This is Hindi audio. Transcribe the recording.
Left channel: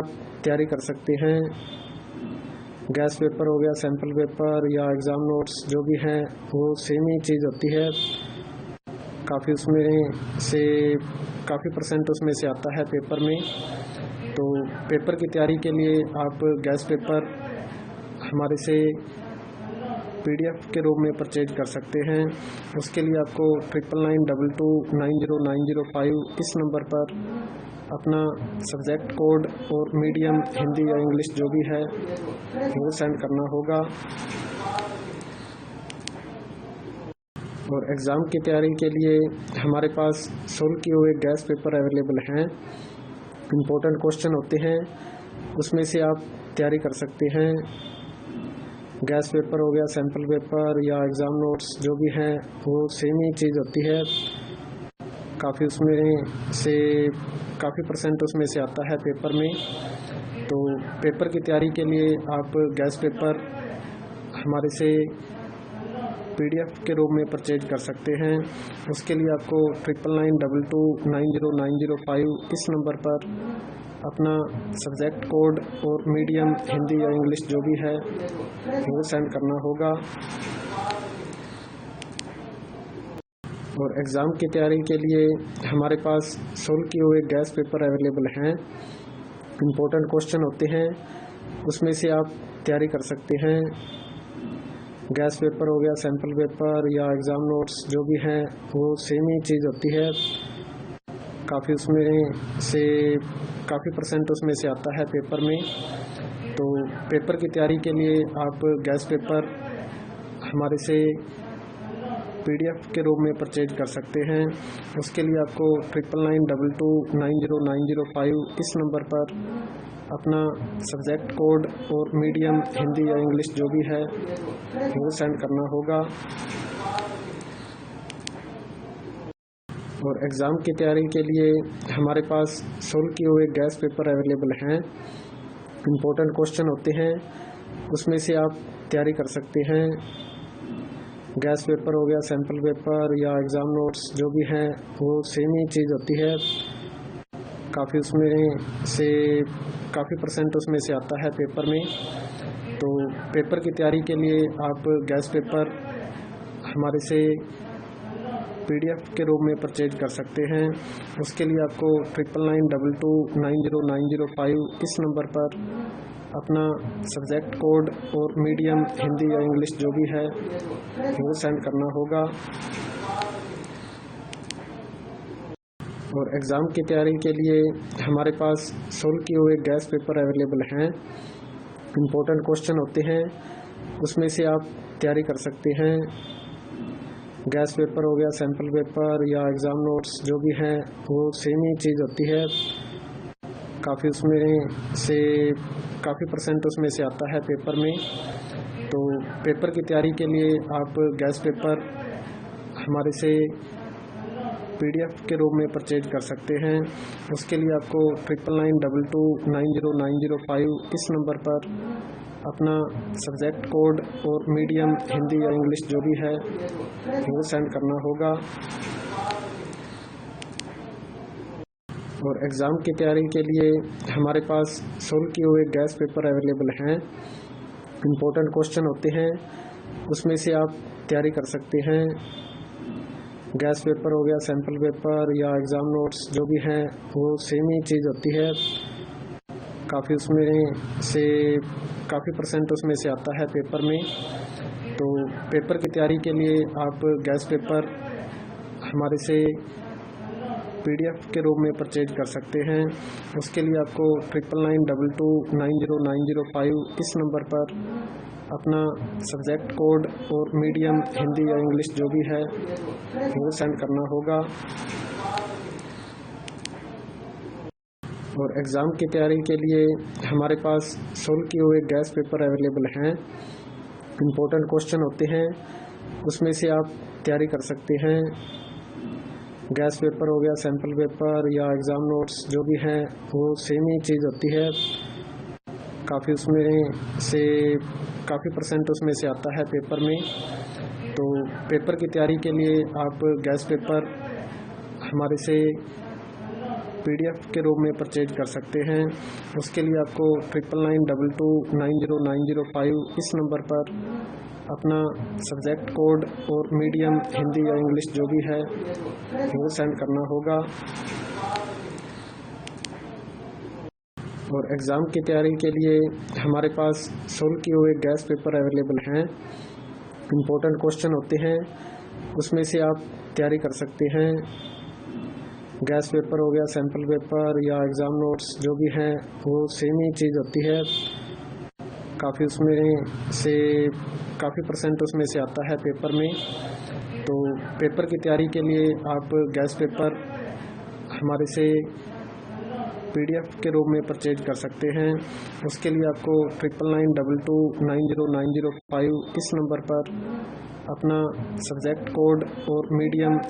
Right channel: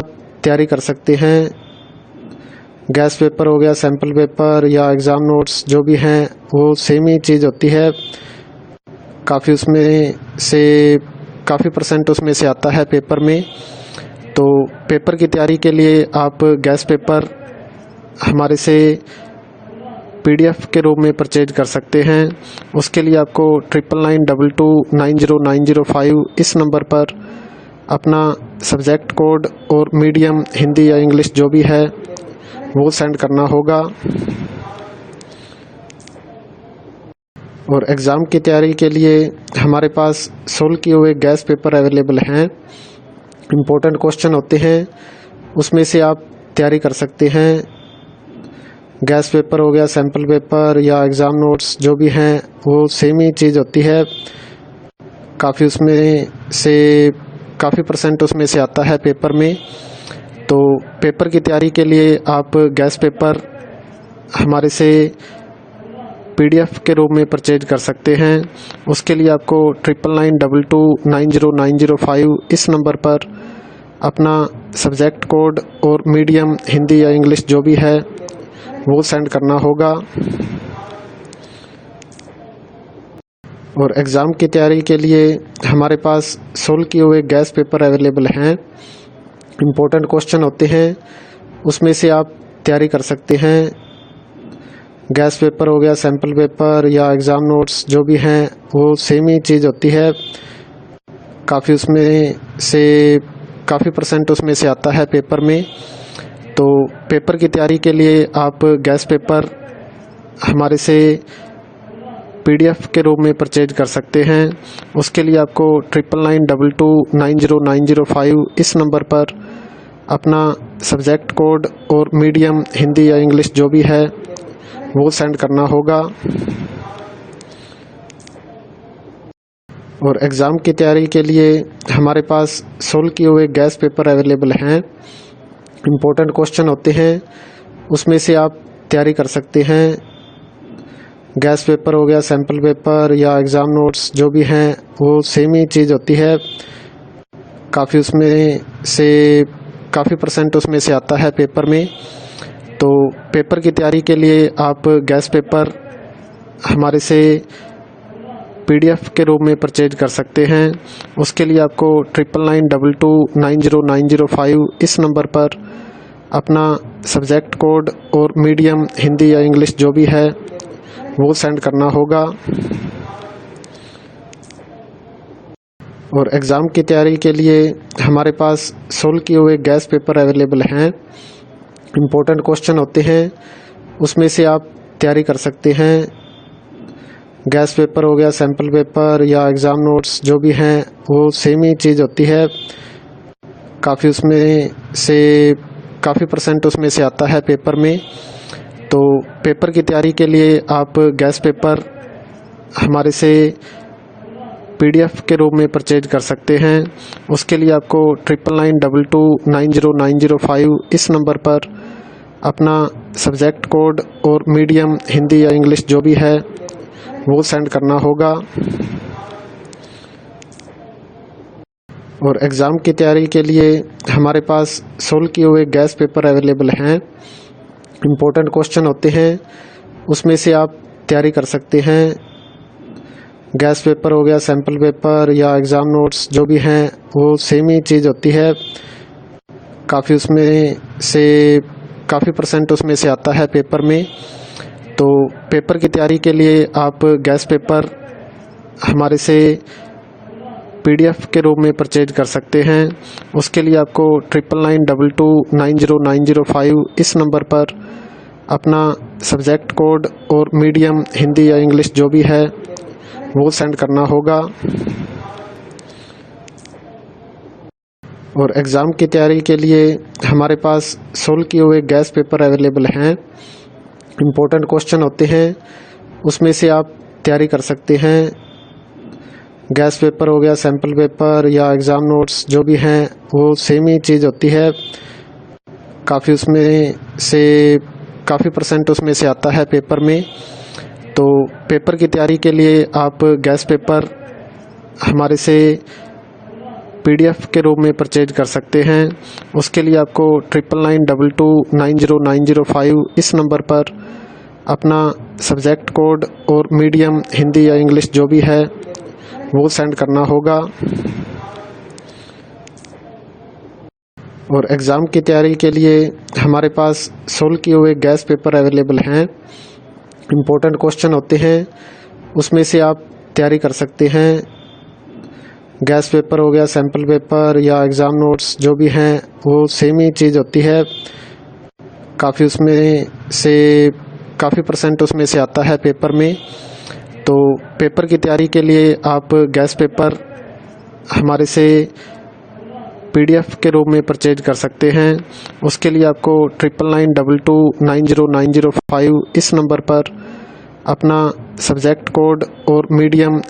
आप तैयारी कर सकते हैं। गैस पेपर हो गया, सैम्पल पेपर या एग्ज़ाम नोट्स जो भी हैं वो सेम ही चीज़ होती है। काफ़ी उसमें से काफ़ी परसेंट उसमें से आता है पेपर में। तो पेपर की तैयारी के लिए आप गैस पेपर हमारे से PDF के रूप में परचेज कर सकते हैं। उसके लिए आपको 9992290905 इस नंबर पर अपना सब्जेक्ट कोड और मीडियम हिंदी या इंग्लिश जो भी है वो सेंड करना होगा। और एग्ज़ाम की तैयारी के लिए हमारे पास सोल्व किए हुए गैस पेपर अवेलेबल हैं। इम्पोर्टेंट क्वेश्चन होते हैं, उसमें से आप तैयारी कर सकते हैं। गैस पेपर हो गया, सैम्पल पेपर या एग्ज़ाम नोट्स जो भी हैं वो सेम ही चीज़ होती है। काफ़ी उसमें से काफ़ी परसेंट उसमें से आता है पेपर में। तो पेपर की तैयारी के लिए आप गैस पेपर हमारे से PDF के रूप में परचेज कर सकते हैं। उसके लिए आपको 9992290905 इस नंबर पर अपना सब्जेक्ट कोड और मीडियम हिंदी या इंग्लिश जो भी है वो सेंड करना होगा। और एग्ज़ाम की तैयारी के लिए हमारे पास सोल्व किए हुए गैस पेपर अवेलेबल हैं। इम्पोर्टेंट क्वेश्चन होते हैं, उसमें से आप तैयारी कर सकते हैं। गैस पेपर हो गया, सैम्पल पेपर या एग्ज़ाम नोट्स जो भी हैं वो सेम ही चीज़ होती है। काफ़ी उसमें से काफ़ी परसेंट उसमें से आता है पेपर में। तो पेपर की तैयारी के लिए आप गैस पेपर हमारे से PDF के रूप में परचेज कर सकते हैं। उसके लिए आपको 9992290905 इस नंबर पर अपना सब्जेक्ट कोड और मीडियम हिंदी या इंग्लिश जो भी है वो सेंड करना होगा। और एग्ज़ाम की तैयारी के लिए हमारे पास सोल्व किए हुए गैस पेपर अवेलेबल हैं। इम्पोर्टेंट क्वेश्चन होते हैं, उसमें से आप तैयारी कर सकते हैं। गैस पेपर हो गया, सैम्पल पेपर या एग्ज़ाम नोट्स जो भी हैं वो सेम ही चीज़ होती है। काफ़ी उसमें से काफ़ी परसेंट उसमें से आता है पेपर में। तो पेपर की तैयारी के लिए आप गैस पेपर हमारे से PDF के रूप में परचेज कर सकते हैं। उसके लिए आपको 9992290905 इस नंबर पर अपना सब्जेक्ट कोड और मीडियम हिंदी या इंग्लिश जो भी है वो सेंड करना होगा। और एग्ज़ाम की तैयारी के लिए हमारे पास सोल्व किए हुए गैस पेपर अवेलेबल हैं। इम्पोर्टेंट क्वेश्चन होते हैं, उसमें से आप तैयारी कर सकते हैं। गैस पेपर हो गया, सैम्पल पेपर या एग्ज़ाम नोट्स जो भी हैं वो सेम ही चीज़ होती है। काफ़ी उसमें से काफ़ी परसेंट उसमें से आता है पेपर में। तो पेपर की तैयारी के लिए आप गैस पेपर हमारे से PDF के रूप में परचेज कर सकते हैं। उसके लिए आपको 9992290905 इस नंबर पर अपना सब्जेक्ट कोड और मीडियम हिंदी या इंग्लिश जो भी है वो सेंड करना होगा। और एग्ज़ाम की तैयारी के लिए हमारे पास सोल्व किए हुए गैस पेपर अवेलेबल हैं। इम्पोर्टेंट क्वेश्चन होते हैं, उसमें से आप तैयारी कर सकते हैं। गैस पेपर हो गया, सैम्पल पेपर या एग्ज़ाम नोट्स जो भी हैं वो सेम ही चीज़ होती है। काफ़ी उसमें से काफ़ी परसेंट उसमें से आता है पेपर में। तो पेपर की तैयारी के लिए आप गैस पेपर हमारे से PDF के रूप में परचेज कर सकते हैं। उसके लिए आपको 9992290905 इस नंबर पर अपना सब्जेक्ट कोड और मीडियम हिंदी या इंग्लिश जो भी है वो सेंड करना होगा। और एग्ज़ाम की तैयारी के लिए हमारे पास सोल्व किए हुए गैस पेपर अवेलेबल हैं। इम्पोर्टेंट क्वेश्चन होते हैं, उसमें से आप तैयारी कर सकते हैं। गैस पेपर हो गया, सैम्पल पेपर या एग्ज़ाम नोट्स जो भी हैं वो सेम ही चीज़ होती है। काफ़ी उसमें से काफ़ी परसेंट उसमें से आता है पेपर में। तो पेपर की तैयारी के लिए आप गैस पेपर हमारे से PDF के रूप में परचेज कर सकते हैं। उसके लिए आपको 9992290905 इस नंबर पर अपना सब्जेक्ट कोड और मीडियम हिंदी या इंग्लिश जो भी है वो सेंड करना होगा। और एग्ज़ाम की तैयारी के लिए हमारे पास सोल्व किए हुए गैस पेपर अवेलेबल हैं। इम्पोर्टेंट क्वेश्चन होते हैं, उसमें से आप तैयारी कर सकते हैं। गैस पेपर हो गया, सैम्पल पेपर या एग्ज़ाम नोट्स जो भी हैं वो सेम ही चीज़ होती है। काफ़ी परसेंट उसमें से आता है पेपर में। तो पेपर की तैयारी के लिए आप गैस पेपर हमारे से PDF के रूप में परचेज कर सकते हैं। उसके लिए आपको 9992290905 इस नंबर पर अपना सब्जेक्ट कोड और मीडियम